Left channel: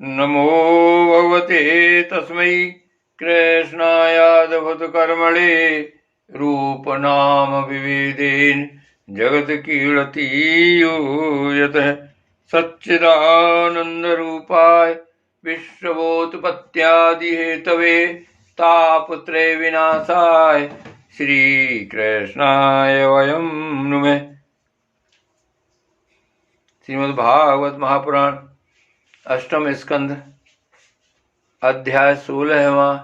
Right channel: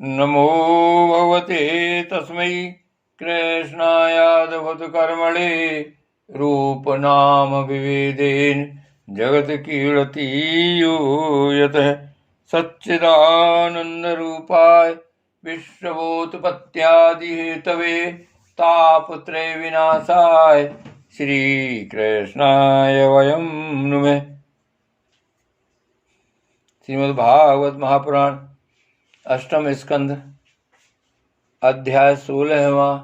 नमो भगवते तस्मै कृष्णायादभूतकर्मणे रूपनाम विभेदेन जगत्कीर्तियो यतः सच्चिदानन्दरूपाय विश्वोत्पत्त्यादिहेतवे तापत्रय विनाशाय श्रीकृष्णाय वयं नुमः। श्रीमद्भागवत महापुराण अष्टम स्कंध अध्याय 16वां।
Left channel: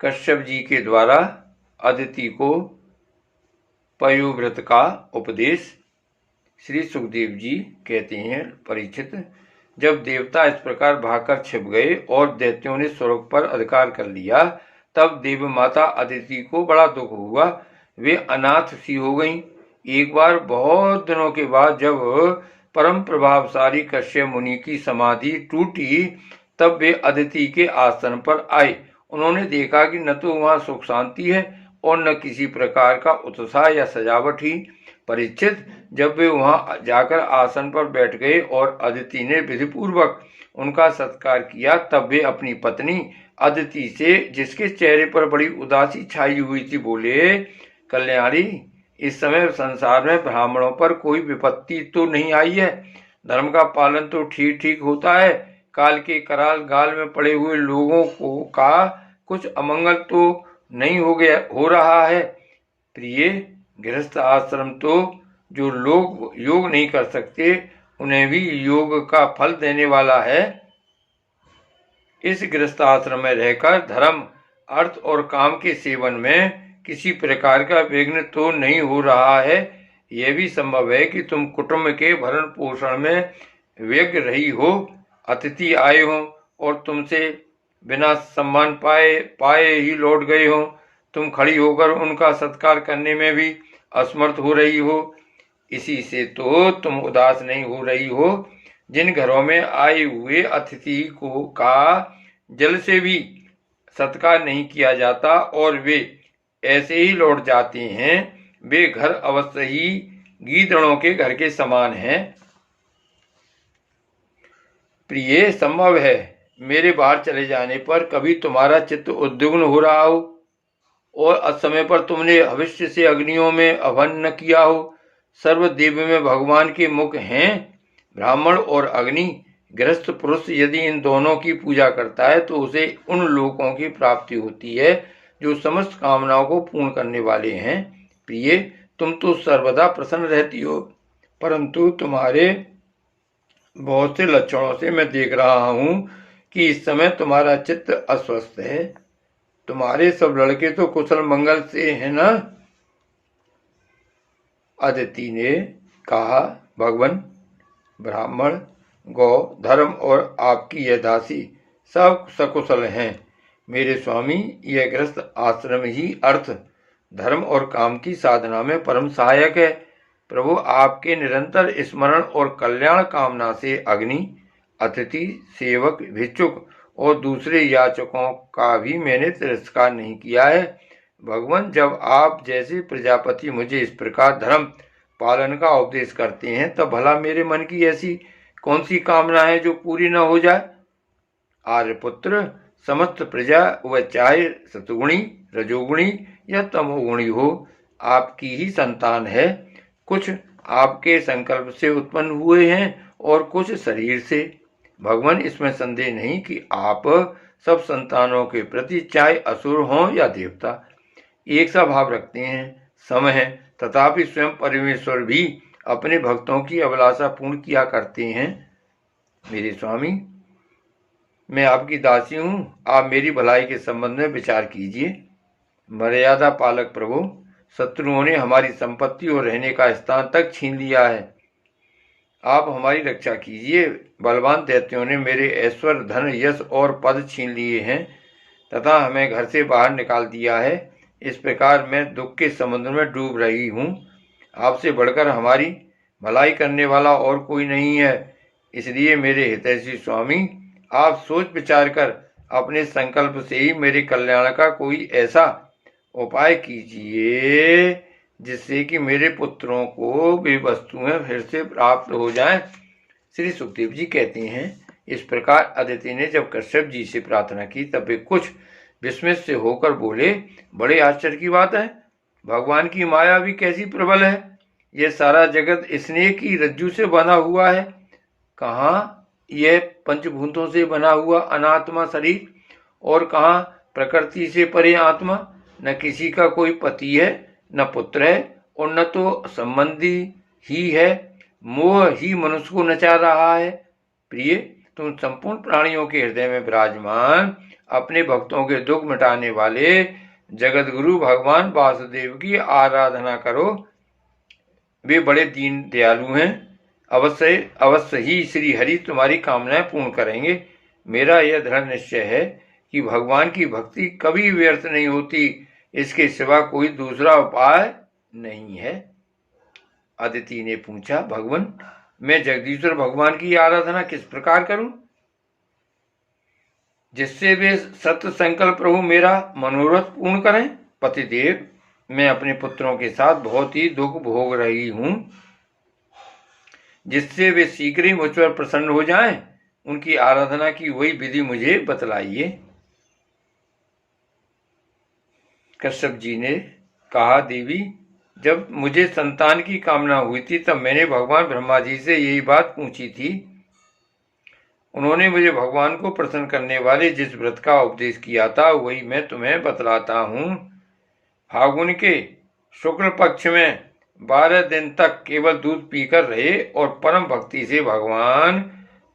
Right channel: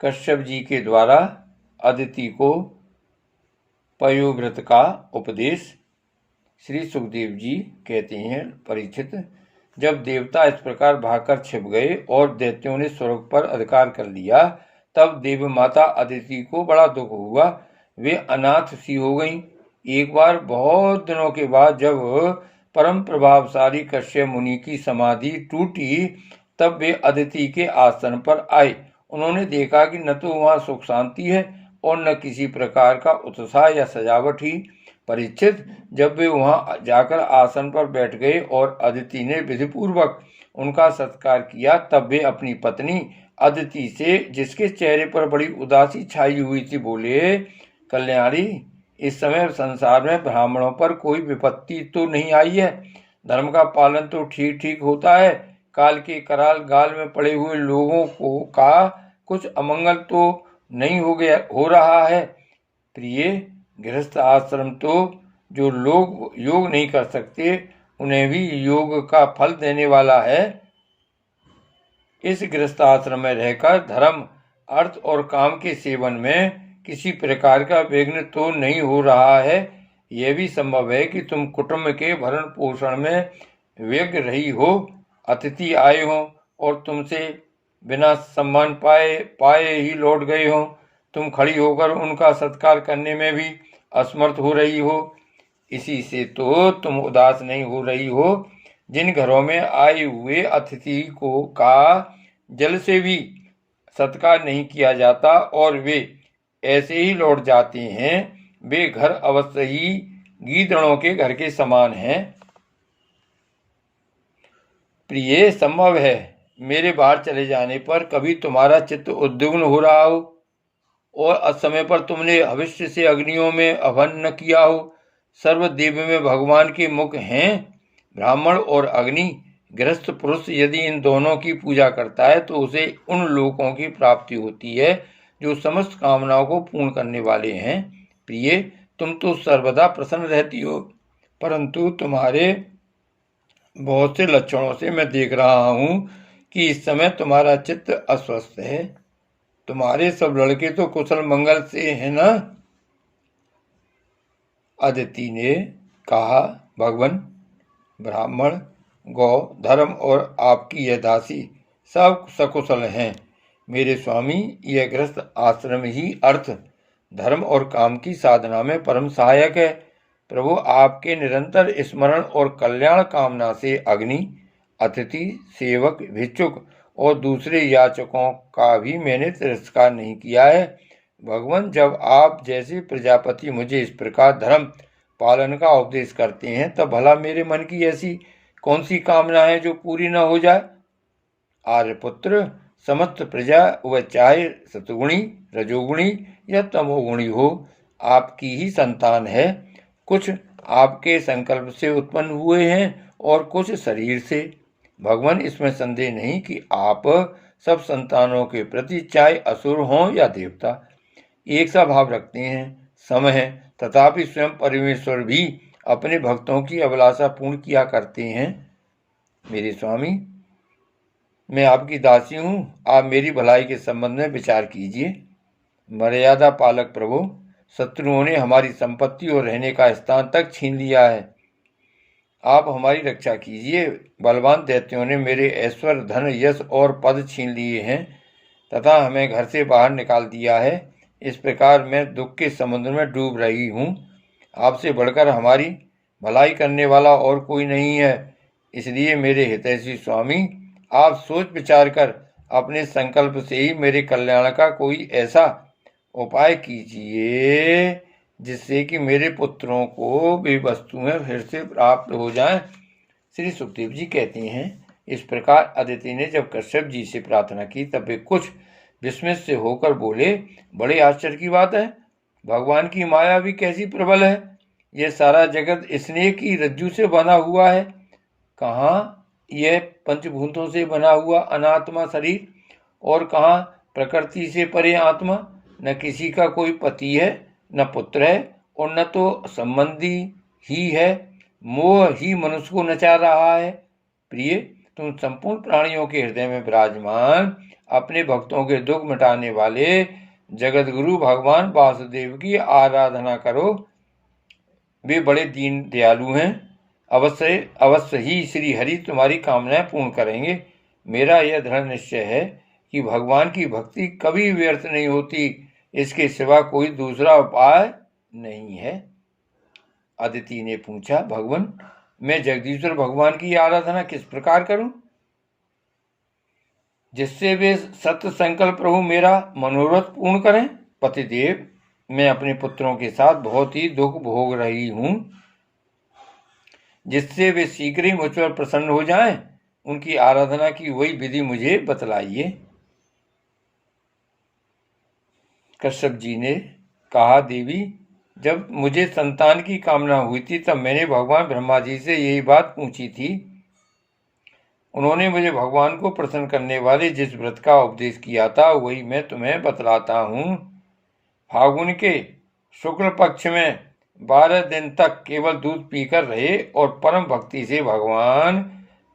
कश्यप जी के द्वारा अदिति को पयोव्रत का उपदेश। श्री सुखदेव जी कहते हैं, परीक्षित, जब देवता इस प्रकार भागकर छिप गए और दैत्यों ने स्वर्ग पर अधिकार कर लिया, तब देव माता अदिति को बड़ा दुख हुआ। वे अनाथ सी हो गईं। एक बार बहुत दिनों के बाद जब परम प्रभावशाली कश्यप मुनि की समाधि टूटी, तब वे अदिति के आसन पर आए। उन्होंने देखा कि न तो वहां सुख शांति है और न किसी प्रकार का उत्साह या सजावट ही। परीक्षित, जब वे वहां जाकर आसन पर बैठ गए और अदिति ने विधिपूर्वक उनका सत्कार किया, तब वे अपनी पत्नी अदिति से, जिसके चेहरे पर बड़ी उदासी छाई हुई थी, बोले, कल्याणी, इस समय संसार में ब्राह्मणों पर कोई विपत्ति तो नहीं आई है। धर्म का पालन तो ठीक ठीक होता है। काल के कराल गाल में पड़े हुए लोगों को का कुछ अमंगल तो नहीं हो रहा है। प्रिय, गृहस्थ आश्रम तो जो लोग योग नहीं कर सकते, उन्हें भी योग का फल देने वाला है। इस गृहस्थ आश्रम में रहकर धर्म, अर्थ और काम के सेवन में किसी प्रकार का विघ्न तो नहीं हो रहा है। यह भी संभव है कि तुम कुटुंब के भरण पोषण में व्यग्र रही हो, अतिथि आए हो और तुमसे बिना सम्मान पाए ही लौट गए हो। तुम खड़ी होकर उनका सत्कार करने में भी असमर्थ हो रही हो। इसी से तो तुम उदास नहीं हो रही हो। जिन घरों में आए हुए अतिथि को का जल से भी सत्कार नहीं किया जाता और वे ऐसे ही लौट जाते हैं, वे घर अवश्य ही गीदड़ों के घर के समान हैं। प्रिय, संभव है मेरे बाहर चले जाने पर कभी तुम्हारा चित्त उद्विग्न हो रहा हो और असमय पर तुमने भविष्य से अग्नियों में अभन न किया हो। सर्वदेव में भगवान के मुख हैं। ब्राह्मण और अग्नि, गृहस्थ पुरुष यदि इन दोनों की पूजा करता है तो उसे उन लोकों की प्राप्ति होती है जो समस्त कामनाओं को पूर्ण करने वाले हैं। प्रिय, तुम तो सर्वदा प्रसन्न रहती हो, परंतु तुम्हारे बहुत से लक्षणों से मैं देख रहा हूं कि इस समय तुम्हारा चित्त अस्वस्थ है। तुम्हारे सब लड़के तो कुशल मंगल से हैं ना? अदिति ने कहा, भगवान, ब्राह्मण, गौ, धर्म और आपकी यह दासी सब सकुशल हैं। मेरे स्वामी, यह गृहस्थ आश्रम ही अर्थ, धर्म और काम की साधना में परम सहायक है। प्रभु, आपके निरंतर स्मरण और कल्याण कामना से अग्नि, अतिथि, सेवक, भिक्षुक और दूसरे याचकों का भी मैंने तिरस्कार नहीं किया है। भगवान, जब आप जैसे प्रजापति मुझे इस प्रकार धर्म पालन का उपदेश करते हैं, तब भला मेरे मन की ऐसी कौन सी कामना है जो पूरी न हो जाए? आर्यपुत्र, समस्त प्रजा, वह चाहे सतुगुणी, रजोगुणी या तमोगुणी हो, आपकी ही संतान है। कुछ आपके संकल्प से उत्पन्न हुए हैं और कुछ शरीर से। भगवान, इसमें संदेह नहीं कि आप सब संतानों के प्रति, चाहे असुर हों या देवता, एक सा भाव रखते हैं। समय है, तथापि स्वयं परमेश्वर भी अपने भक्तों की अभिलाषा पूर्ण किया करते हैं। मेरे स्वामी, मैं आपकी दासी हूँ, आप मेरी भलाई के संबंध में विचार कीजिए। मर्यादा पालक प्रभु, शत्रुओं ने हमारी संपत्ति और रहने का स्थान तक छीन लिया है। आप हमारी रक्षा कीजिए। बलवान दैत्यों ने मेरे ऐश्वर्य, धन, यश और पद छीन लिए हैं तथा हमें घर से बाहर निकाल दिया है। इस प्रकार मैं दुख के समुद्र में डूब रही हूँ। आपसे बढ़कर हमारी भलाई करने वाला और कोई नहीं है। इसलिए मेरे हितैषी स्वामी, आप सोच विचार कर अपने संकल्प से ही मेरे कल्याण का कोई ऐसा उपाय कीजिए जिससे कि मेरे पुत्रों को वे वस्तुएं फिर से प्राप्त हो जाएं। श्री सुखदेव जी कहते हैं, इस प्रकार अदिति ने जब कश्यप जी से प्रार्थना की तब वे कुछ विस्मित से होकर बोले, बड़े आश्चर्य की बात है, भगवान की माया भी कैसी प्रबल है। यह सारा जगत स्नेह की रज्जू से बना हुआ है। कहाँ यह पंचभूतों से बना हुआ अनात्मा शरीर और कहाँ प्रकृति से परे आत्मा। न किसी का कोई पति है, न पुत्र है और न तो संबंधी ही है। मोह ही मनुष्य को नचा रहा है। प्रिय, तुम संपूर्ण प्राणियों के हृदय में विराजमान अपने भक्तों के दुख मिटाने वाले जगत गुरु भगवान वासुदेव की आराधना करो। वे बड़े दीन दयालु हैं। अवश्य ही श्री हरि तुम्हारी कामनाएं पूर्ण करेंगे। मेरा यह दृढ़ निश्चय है कि भगवान की भक्ति कभी व्यर्थ नहीं होती। इसके सिवा कोई दूसरा उपाय नहीं है। अदिति ने पूछा, भगवान, मैं जगदीश्वर भगवान की आराधना किस प्रकार करूं जिससे वे सत्य संकल्प प्रभु मेरा मनोरथ पूर्ण करें। पतिदेव, मैं अपने पुत्रों के साथ बहुत ही दुख भोग रही हूं, जिससे वे शीघ्र ही मुझ पर प्रसन्न हो जाएं। उनकी आराधना की वही विधि मुझे बतलाइए। कश्यप जी ने कहा, देवी, जब मुझे संतान की कामना हुई थी तब मैंने भगवान ब्रह्मा जी से यही बात पूछी थी। उन्होंने मुझे भगवान को प्रसन्न करने वाले जिस व्रत का उपदेश किया था वही मैं तुम्हें बतलाता हूँ। फागुन के शुक्ल पक्ष में 12 दिन तक केवल दूध पीकर रहे और परम भक्ति से भगवान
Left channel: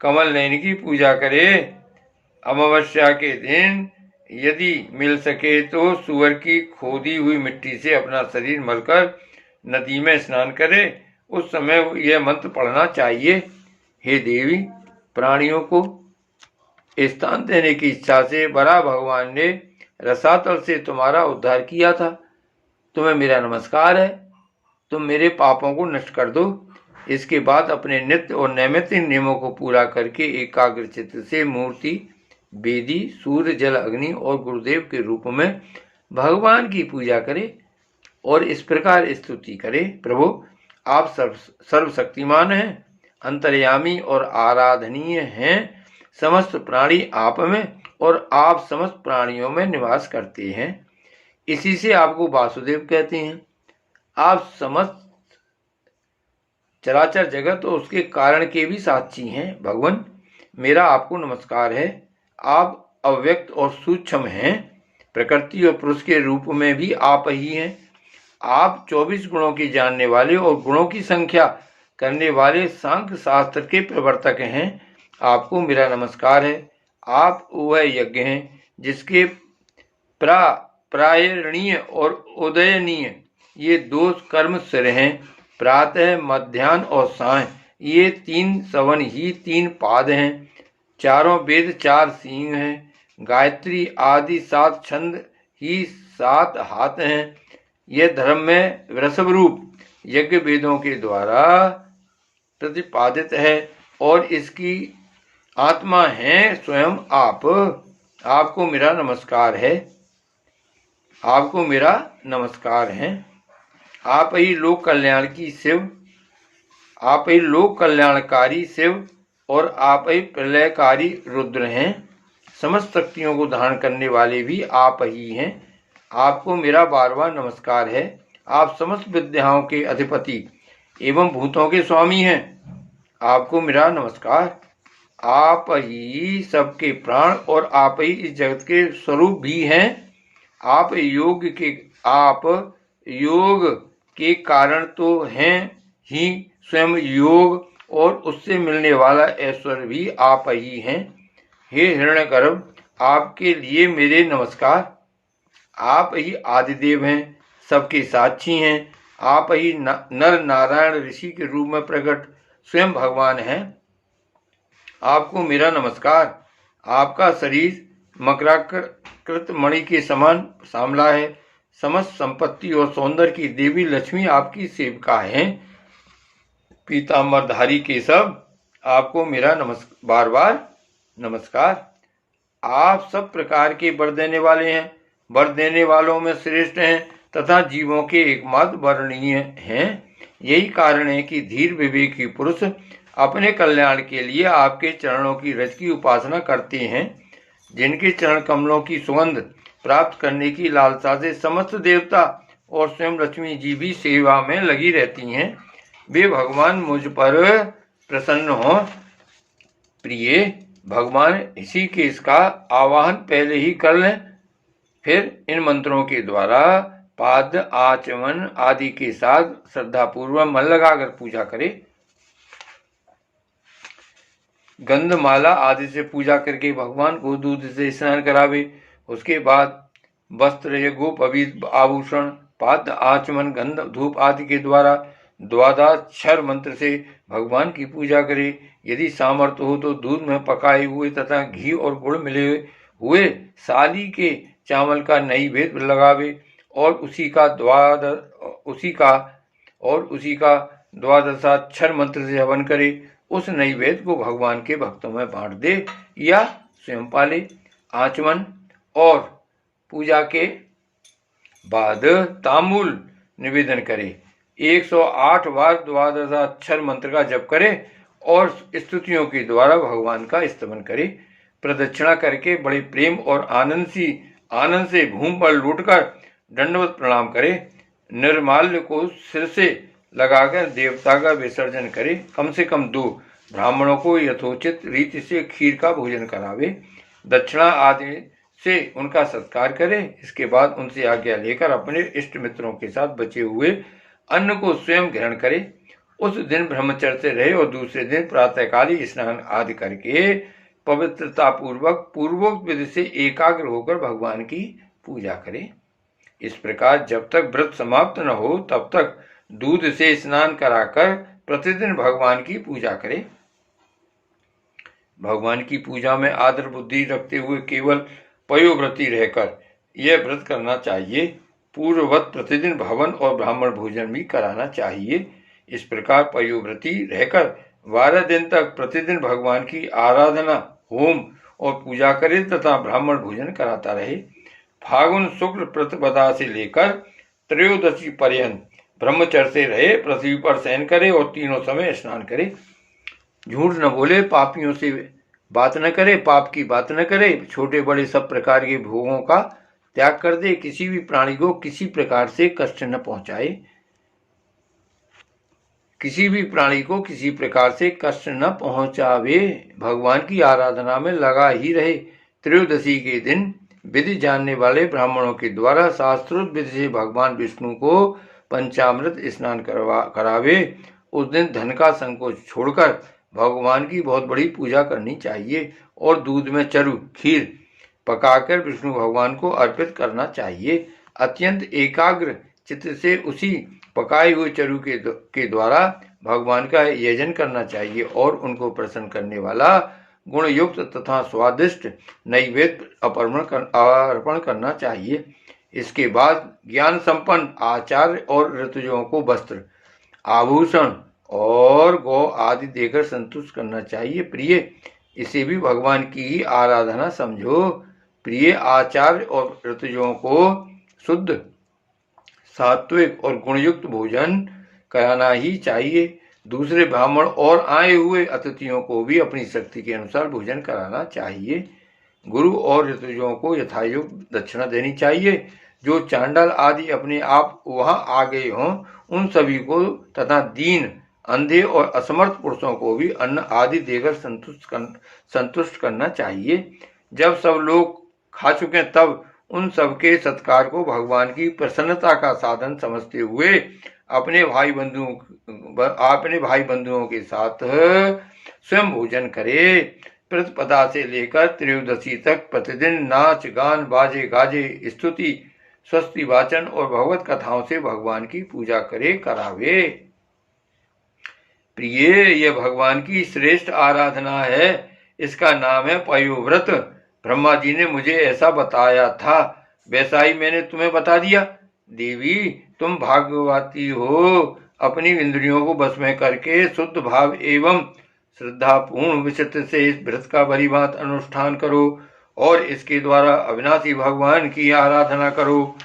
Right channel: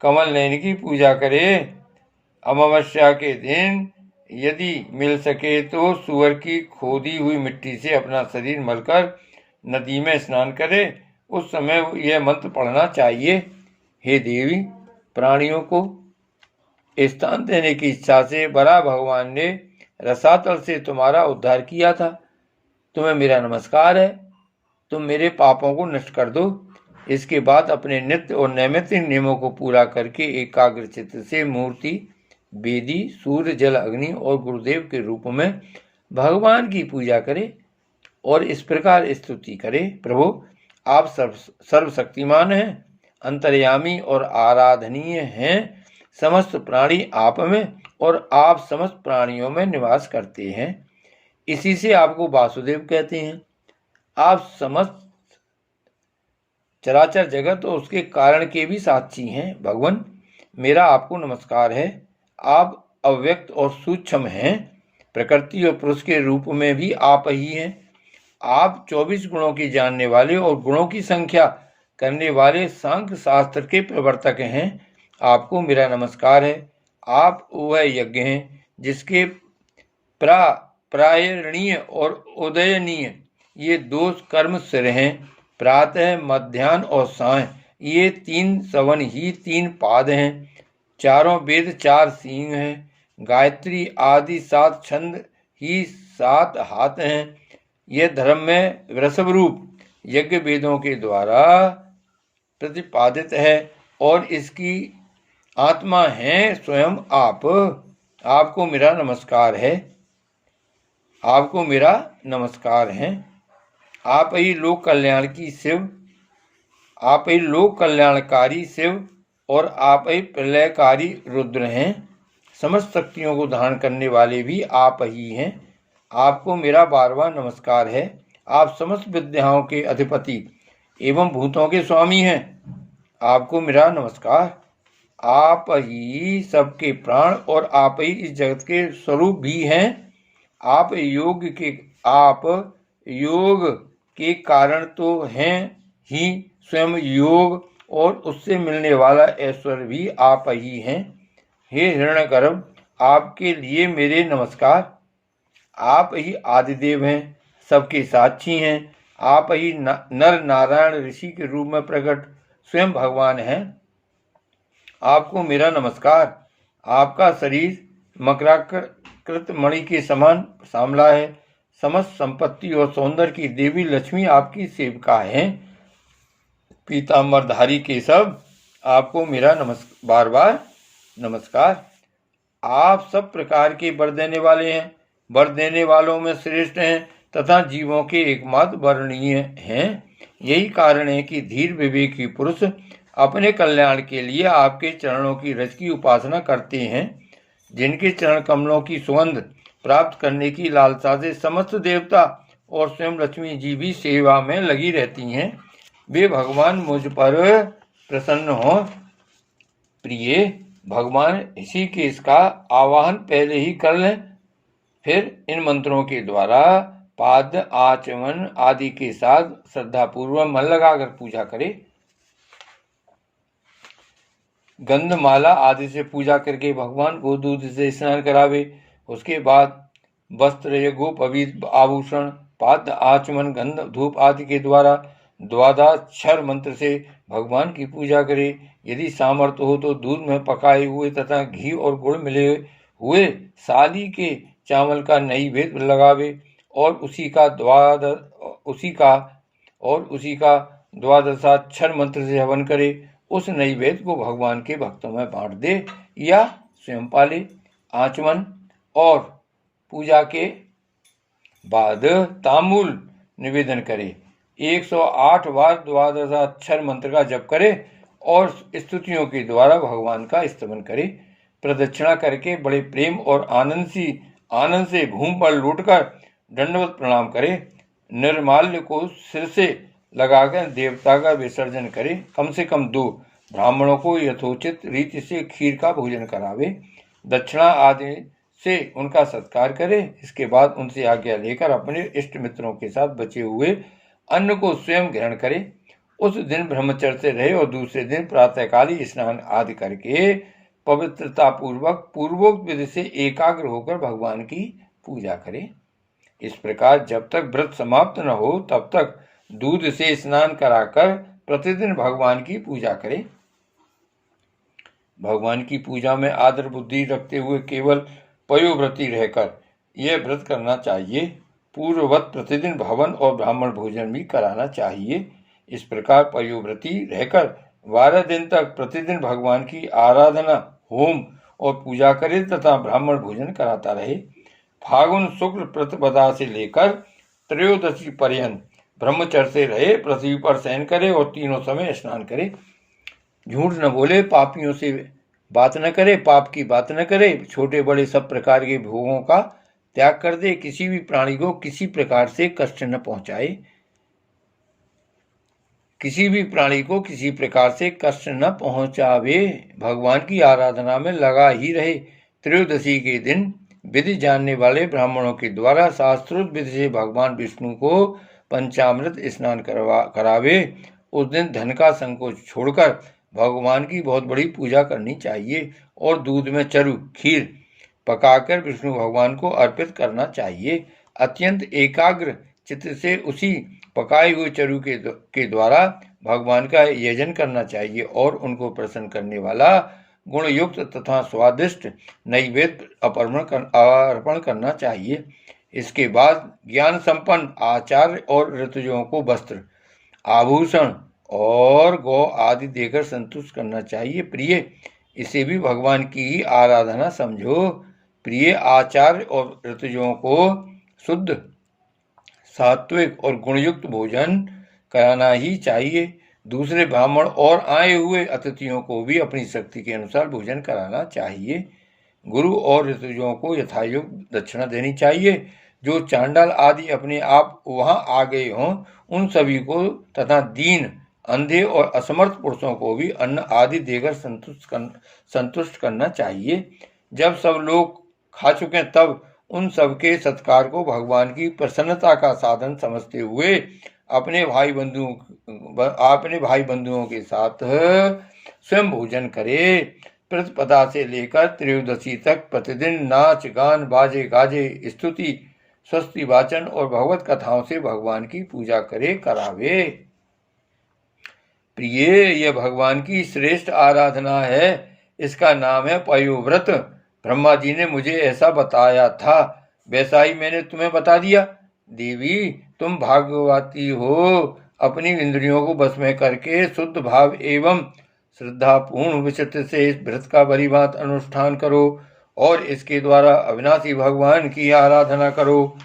कमल नयन की पूजा करे। अमावस्या के दिन यदि मिल सके तो सूअर की खोदी हुई मिट्टी से अपना शरीर मलकर नदी में स्नान करे। उस समय यह मंत्र पढ़ना चाहिए, हे देवी, प्राणियों को स्थान देने की इच्छा से बड़ा भगवान ने रसातल से तुम्हारा उद्धार किया था। तुम्हें मेरा नमस्कार है। तुम मेरे पापों को नष्ट कर दो। इसके बाद अपने नित्य और नैमित्तिक नियमों को पूरा करके एकाग्र चित्त से मूर्ति, वेदी, सूर्य, जल, अग्नि और गुरुदेव के रूप में भगवान की पूजा करे और इस प्रकार स्तुति करे, प्रभु, आप सर्वशक्तिमान हैं, अंतर्यामी और आराधनीय हैं। समस्त प्राणी आप में और आप समस्त प्राणियों में निवास करते हैं। इसी से आपको वासुदेव कहते हैं। आप समस्त चराचर जगत और उसके कारण के भी साक्षी हैं। भगवान, मेरा आपको नमस्कार है। आप अव्यक्त और सूक्ष्म हैं। प्रकृति और पुरुष के रूप में भी आप ही हैं। आप 24 गुणों की जानने वाले और गुणों की संख्या करने वाले सांख्य शास्त्र के प्रवर्तक हैं। आपको मेरा नमस्कार है। आप वह यज्ञ हैं जिसके प्रायणीय और उदयनीय ये 2 कर्म सिर हैं। प्रातः, मध्याह्न और सायं ये 3 सवन ही 3 पाद हैं। चारों वेद 4 सींग हैं। गायत्री आदि 7 छंद ही 7 हाथ हैं। यह धर्म में वृषभ रूप यज्ञ वेदों के द्वारा प्रतिपादित है और इसकी आत्मा है स्वयं आप। आपको मेरा नमस्कार है। आपको मेरा नमस्कार है। आप ही लोक कल्याण की शिव, आप ही लोक कल्याणकारी शिव और आप ही प्रलयकारी रुद्र हैं। समस्त शक्तियों को धारण करने वाले भी आप ही हैं। आपको मेरा बार-बार नमस्कार है। आप समस्त विद्याओं के अधिपति एवं भूतों के स्वामी हैं। आपको मेरा नमस्कार। आप ही सबके प्राण और आप ही इस जगत के स्वरूप भी हैं। आप योग के कारण तो हैं ही, स्वयं योग और उससे मिलने वाला ऐश्वर्य भी आप ही हैं। हे हिरण्यगर्भ, आपके लिए मेरे नमस्कार। आप ही आदिदेव हैं, सबके साक्षी हैं। आप ही नर नारायण ऋषि के रूप में प्रकट स्वयं भगवान हैं। आपको मेरा नमस्कार। आपका शरीर मकराकृत मणि के समान सांवला है। समस्त संपत्ति और सौंदर्य की देवी लक्ष्मी आपकी सेविका हैं। पीतांबरधारी केशव, आपको मेरा बार बार नमस्कार। आप सब प्रकार के वर देने वाले हैं, वर देने वालों में श्रेष्ठ हैं तथा जीवों के एकमात्र वर्णनीय हैं। यही कारण है कि धीर विवेकी पुरुष अपने कल्याण के लिए आपके चरणों की रज की उपासना करते हैं। जिनके चरण कमलों की सुगंध प्राप्त करने की लालसा से समस्त देवता और स्वयं लक्ष्मी जी भी सेवा में लगी रहती हैं, वे भगवान मुझ पर प्रसन्न हों। प्रिय भगवान ऋषिकेश का आवाहन पहले ही कर लें, फिर इन मंत्रों के द्वारा पाद आचमन आदि के साथ श्रद्धापूर्वक मन लगाकर पूजा करें। गंधमाला आदि से पूजा करके भगवान को दूध से स्नान करावे। उसके बाद वस्त्र यज्ञ पवित्र आभूषण पाद आचमन गंध धूप आदि के द्वारा द्वादशाक्षर मंत्र से भगवान की पूजा करे। यदि सामर्थ्य हो तो दूध में पकाए हुए तथा घी और गुड़ मिले हुए साली के चावल का नैवेद्य लगावे और उसी का द्वादशाक्षर मंत्र से हवन करे। उस नैवेद्य को भगवान के भक्तों में बांट दे या स्वयं पाले। आचमन और पूजा के बाद तांबूल निवेदन करे। 108 बार द्वादशाक्षर मंत्र का जप करे और स्तुतियों के द्वारा भगवान का स्तवन करे। प्रदक्षिणा करके बड़े प्रेम और आनंद से भूमि पर लौटकर दंडवत प्रणाम करे। निर्माल्य को सिर से लगाकर देवता का विसर्जन करे। कम से कम 2 ब्राह्मणों को यथोचित रीति से खीर का भोजन करावे। दक्षिणा आदि से उनका सत्कार करे। इसके बाद उनसे आज्ञा लेकर अपने इष्ट मित्रों के साथ बचे हुए अन्न को स्वयं ग्रहण करे। उस दिन ब्रह्मचर्य से रहे और दूसरे दिन प्रातःकाली स्नान आदि करके पवित्रता पूर्वक पूर्वोक्त विधि से एकाग्र होकर भगवान की पूजा करे। इस प्रकार जब तक व्रत समाप्त न हो तब तक दूध से स्नान कराकर प्रतिदिन भगवान की पूजा करे। भगवान की पूजा में आदर बुद्धि रखते हुए केवल पयोव्रती रहकर यह व्रत करना चाहिए। पूर्ववत प्रतिदिन भवन और ब्राह्मण भोजन भी कराना चाहिए। इस प्रकार पयोव्रती रहकर 12 दिन तक प्रतिदिन भगवान की आराधना होम और पूजा करे तथा ब्राह्मण भोजन कराता रहे। फागुन शुक्ल प्रतिपदा से लेकर त्रयोदशी पर्यंत ब्रह्मचर्य से रहे, पृथ्वी पर शयन करे और तीनों समय स्नान करे। झूठ न बोले, पापियों से बात न करे, पाप की बात न करे, छोटे बड़े सब प्रकार के भोगों का त्याग कर दे, किसी भी प्राणी को किसी प्रकार से कष्ट न पहुंचाए, किसी भी प्राणी को किसी प्रकार से कष्ट न पहुंचावे, भगवान की आराधना में लगा ही रहे। त्रयोदशी के दिन विधि जानने वाले ब्राह्मणों के द्वारा शास्त्रोक्त विधि से भगवान विष्णु को पंचामृत स्नान करावे। उस दिन धन का संकोच छोड़कर भगवान की बहुत बड़ी पूजा करनी चाहिए और दूध में चरु खीर पकाकर विष्णु भगवान को अर्पित करना चाहिए। अत्यंत एकाग्र चित्त से उसी पकाए हुए चरु के द्वारा भगवान का यजन करना चाहिए और उनको प्रसन्न करने वाला गुणयुक्त तथा स्वादिष्ट नैवेद्य अर्पण करना चाहिए। इसके बाद ज्ञान संपन्न आचार्य और ऋतुजों को वस्त्र आभूषण और गौ आदि देकर संतुष्ट करना चाहिए। प्रिय, इसे भी भगवान की ही आराधना समझो। प्रिय, आचार्य और ऋतुजों को शुद्ध सात्विक और गुणयुक्त भोजन कराना ही चाहिए। दूसरे ब्राह्मण और आए हुए अतिथियों को भी अपनी शक्ति के अनुसार भोजन कराना चाहिए। गुरु और ऋतुजों को यथायोग्य दक्षिणा देनी चाहिए। जो चांडाल आदि अपने आप वहां आ गए हों उन सभी को तथा दीन अंधे और असमर्थ पुरुषों को भी अन्न आदि देकर संतुष्ट करना चाहिए। जब सब लोग खा चुके तब उन सबके सत्कार को भगवान की प्रसन्नता का साधन समझते हुए अपने भाई बंधुओं के साथ स्वयं भोजन करे। प्रतिपदा से लेकर त्रयोदशी तक प्रतिदिन नाच गान बाजे गाजे स्तुति स्वस्ति वाचन और भगवत कथाओं से भगवान की पूजा करावे। प्रिय, यह भगवान की श्रेष्ठ आराधना है। इसका नाम है पयोव्रत। ब्रह्मा जी ने मुझे ऐसा बताया था, वैसा ही मैंने तुम्हें बता दिया। देवी, तुम भाग्यवती हो। अपनी इंद्रियों को बस में करके शुद्ध भाव एवं श्रद्धापूर्ण विचित्र से इस व्रत का भली भांति अनुष्ठान करो और इसके द्वारा अविनाशी भगवान की आराधना करो।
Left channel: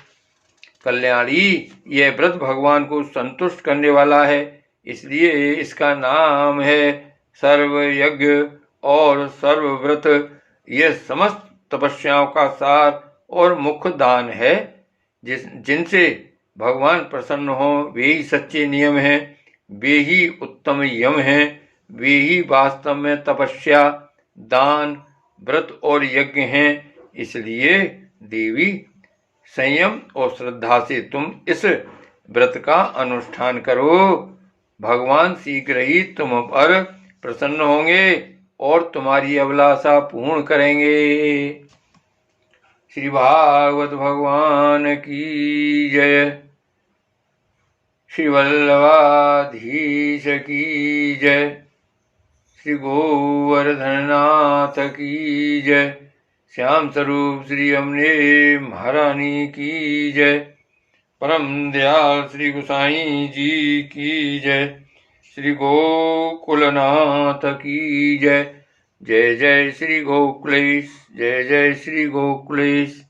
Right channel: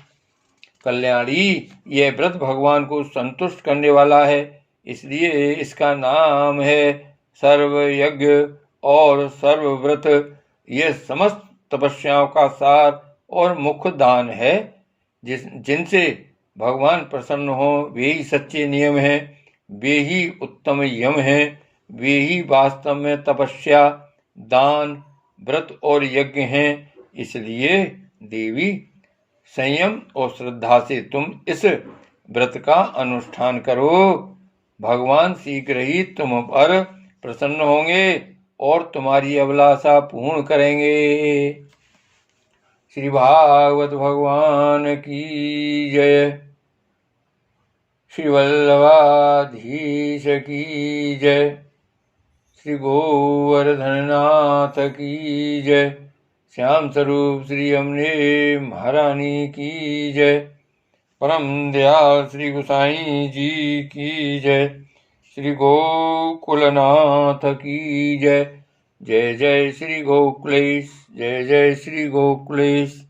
कल्याणी, यह व्रत भगवान को संतुष्ट करने वाला है, इसलिए इसका नाम है सर्व यज्ञ और सर्वव्रत ये समस्त तपस्याओं का सार और मुख्य दान है। जिनसे भगवान प्रसन्न हो वे ही सच्चे नियम हैं, वे ही उत्तम यम हैं, वे ही वास्तव में तपस्या, दान, व्रत और यज्ञ हैं। इसलिए देवी संयम और श्रद्धा से तुम इस व्रत का अनुष्ठान करो। भगवान शीघ्र ही तुम पर प्रसन्न होंगे और तुम्हारी अभिलाषा पूर्ण करेंगे। श्री भागवत भगवान की जय। श्री वल्लभाधीश की जय। श्री गोवर्धननाथ की जय। श्याम स्वरूप श्री अमने महारानी की जय। परम दयाल श्री गोसाई जी की जय। श्री गोकुलनाथ की जय। जय जय श्री गोकुलेश, जय जय श्री गोकुलेश।